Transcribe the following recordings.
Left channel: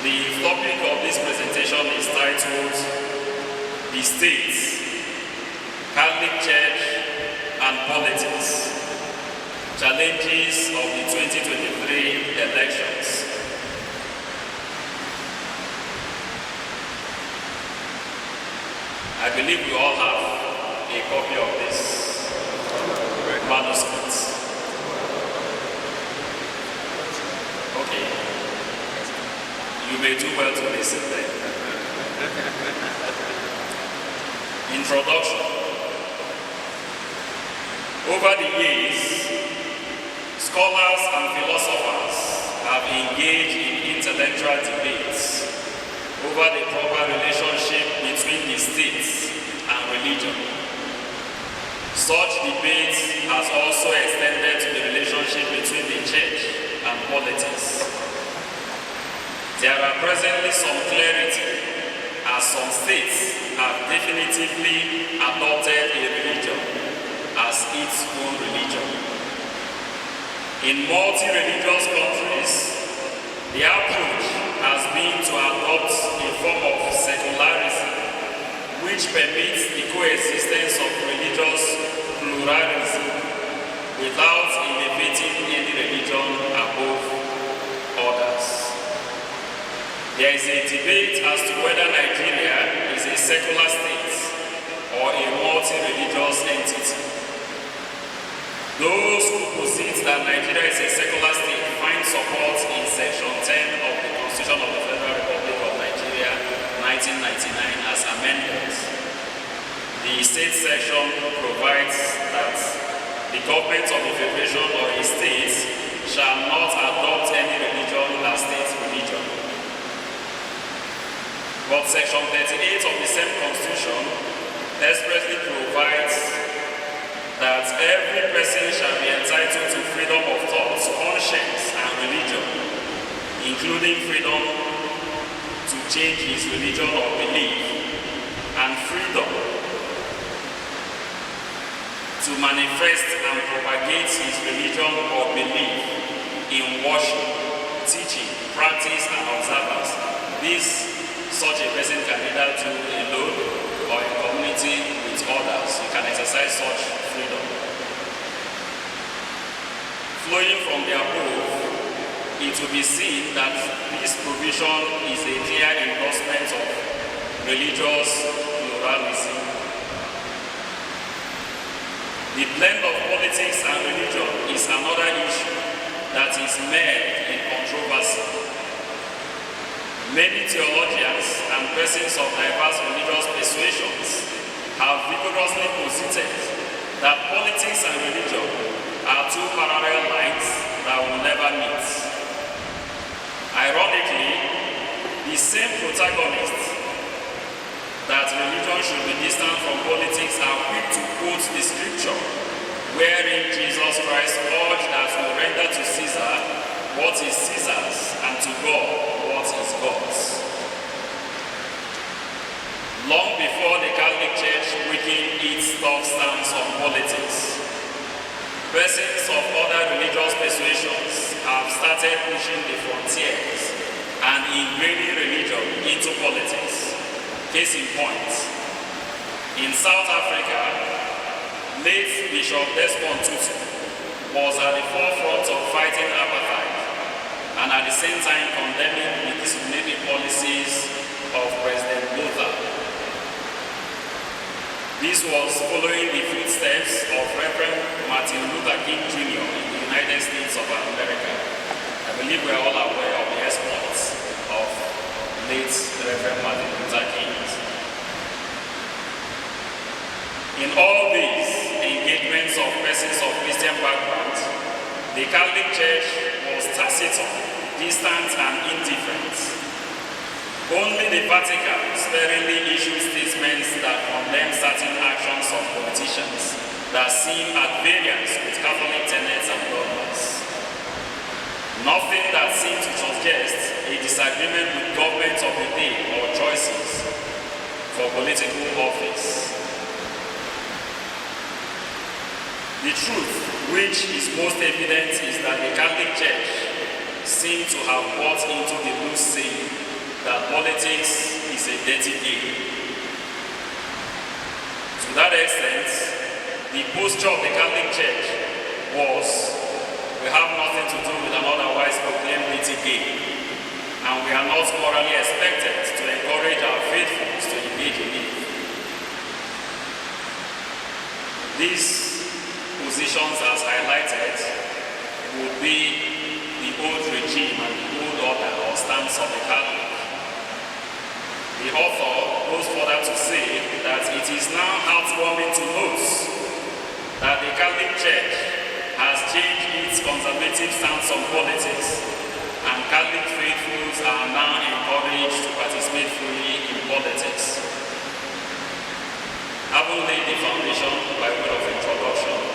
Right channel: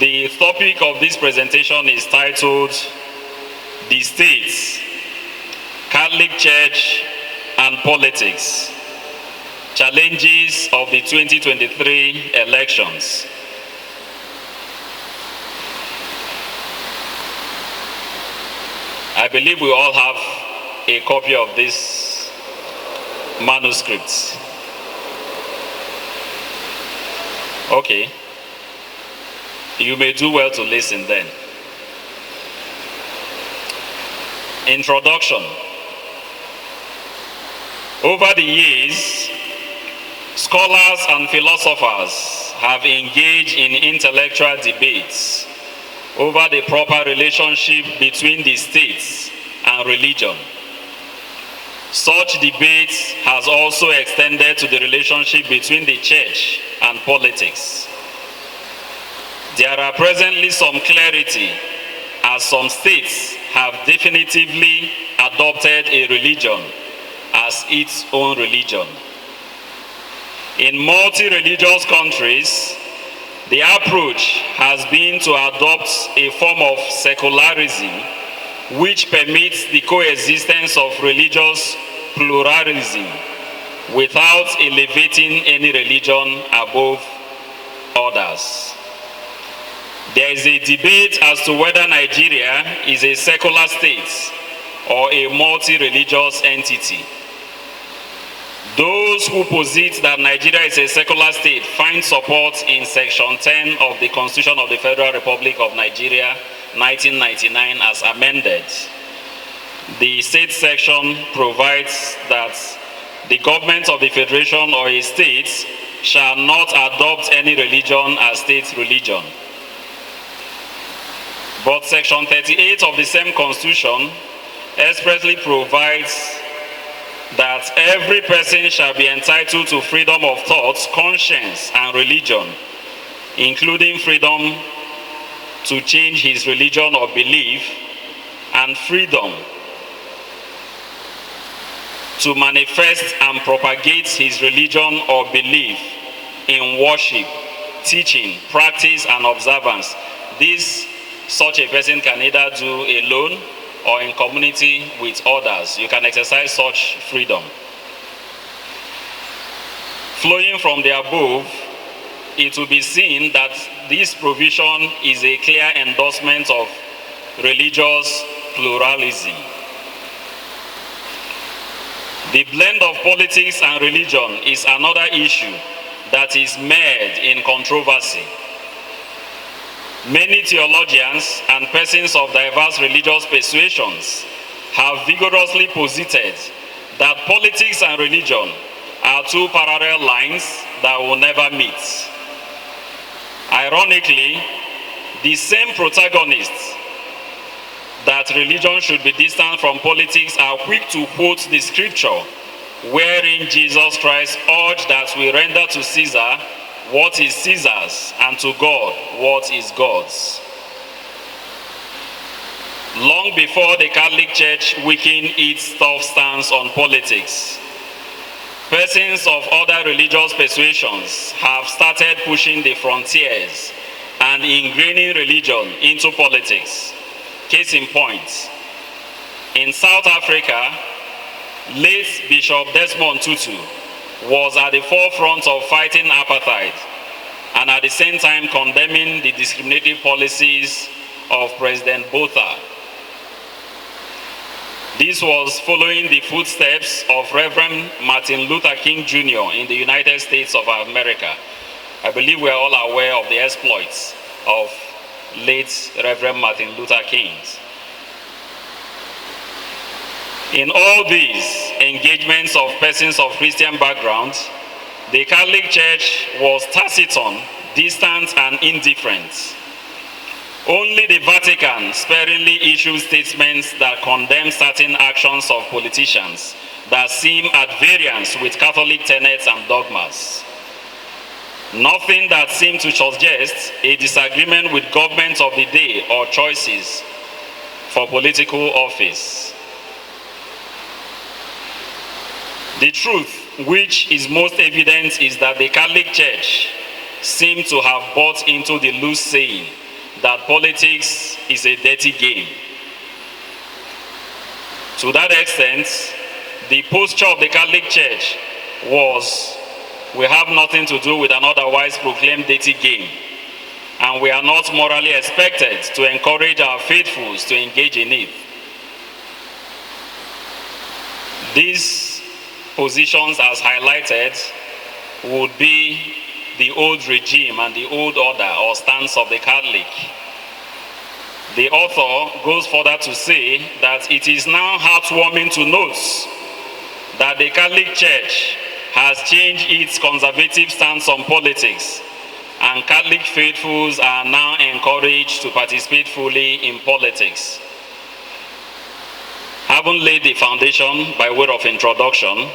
The topic of this presentation is titled, The State, Catholic Church and Politics, Challenges of the 2023 Elections. I believe we all have a copy of this manuscript. Okay. You may do well to listen then. Introduction. Over the years, scholars and philosophers have engaged in intellectual debates over the proper relationship between the state and religion. Such debate has also extended to the relationship between the church and politics. There are presently some clarity as some states have definitively adopted a religion as its own religion. In multi-religious countries, the approach has been to adopt a form of secularism which permits the coexistence of religious pluralism without elevating any religion above others. There is a debate as to whether Nigeria is a secular state or a multi-religious entity. Those who posit that Nigeria is a secular state find support in Section 10 of the Constitution of the Federal Republic of Nigeria, 1999, as amended. The state section provides that the government of the federation or a state shall not adopt any religion as state religion. But Section 38 of the same Constitution expressly provides that every person shall be entitled to freedom of thought, conscience, and religion, including freedom to change his religion or belief, and freedom to manifest and propagate his religion or belief in worship, teaching, practice, and observance. Such a person can either do alone or in community with others. You can exercise such freedom. Flowing from the above, it will be seen that this provision is a clear endorsement of religious pluralism. The blend of politics and religion is another issue that is mired in controversy. Many theologians and persons of diverse religious persuasions have vigorously posited that politics and religion are two parallel lines that will never meet. Ironically, the same protagonists that religion should be distant from politics are quick to quote the scripture wherein Jesus Christ urged that we render to Caesar what is Caesar's, and to God what is God's. Long before the Catholic Church weakened its tough stance on politics, persons of other religious persuasions have started pushing the frontiers and ingraining religion into politics. Case in point, in South Africa, late Bishop Desmond Tutu was at the forefront of fighting apartheid and at the same time condemning the discriminating policies of President Botha. This was following the footsteps of Reverend Martin Luther King Jr. in the United States of America. I believe we are all aware of the exploits of late Reverend Martin Luther King. In all these engagements of persons of Christian background, the Catholic Church was taciturn, distant, and indifferent. Only the Vatican sparingly issues statements that condemn certain actions of politicians that seem at variance with Catholic tenets and dogmas. Nothing that seemed to suggest a disagreement with governments of the day or choices for political office. The truth, which is most evident, is that the Catholic Church seemed to have bought into the loose saying that politics is a dirty game. To that extent, the posture of the Catholic Church was, we have nothing to do with an otherwise proclaimed dirty game, and we are not morally expected to encourage our faithfuls to engage in it. These positions, as highlighted, would be the old regime and the old order or stance of the Catholic. The author goes further to say that it is now heartwarming to note that the Catholic Church has changed its conservative stance on politics, and Catholic faithfuls are now encouraged to participate fully in politics. Having laid the foundation by way of introduction,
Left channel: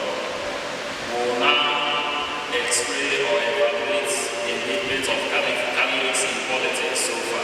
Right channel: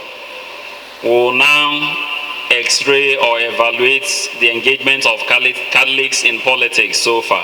we will now x-ray or evaluate the engagement of Catholics in politics so far.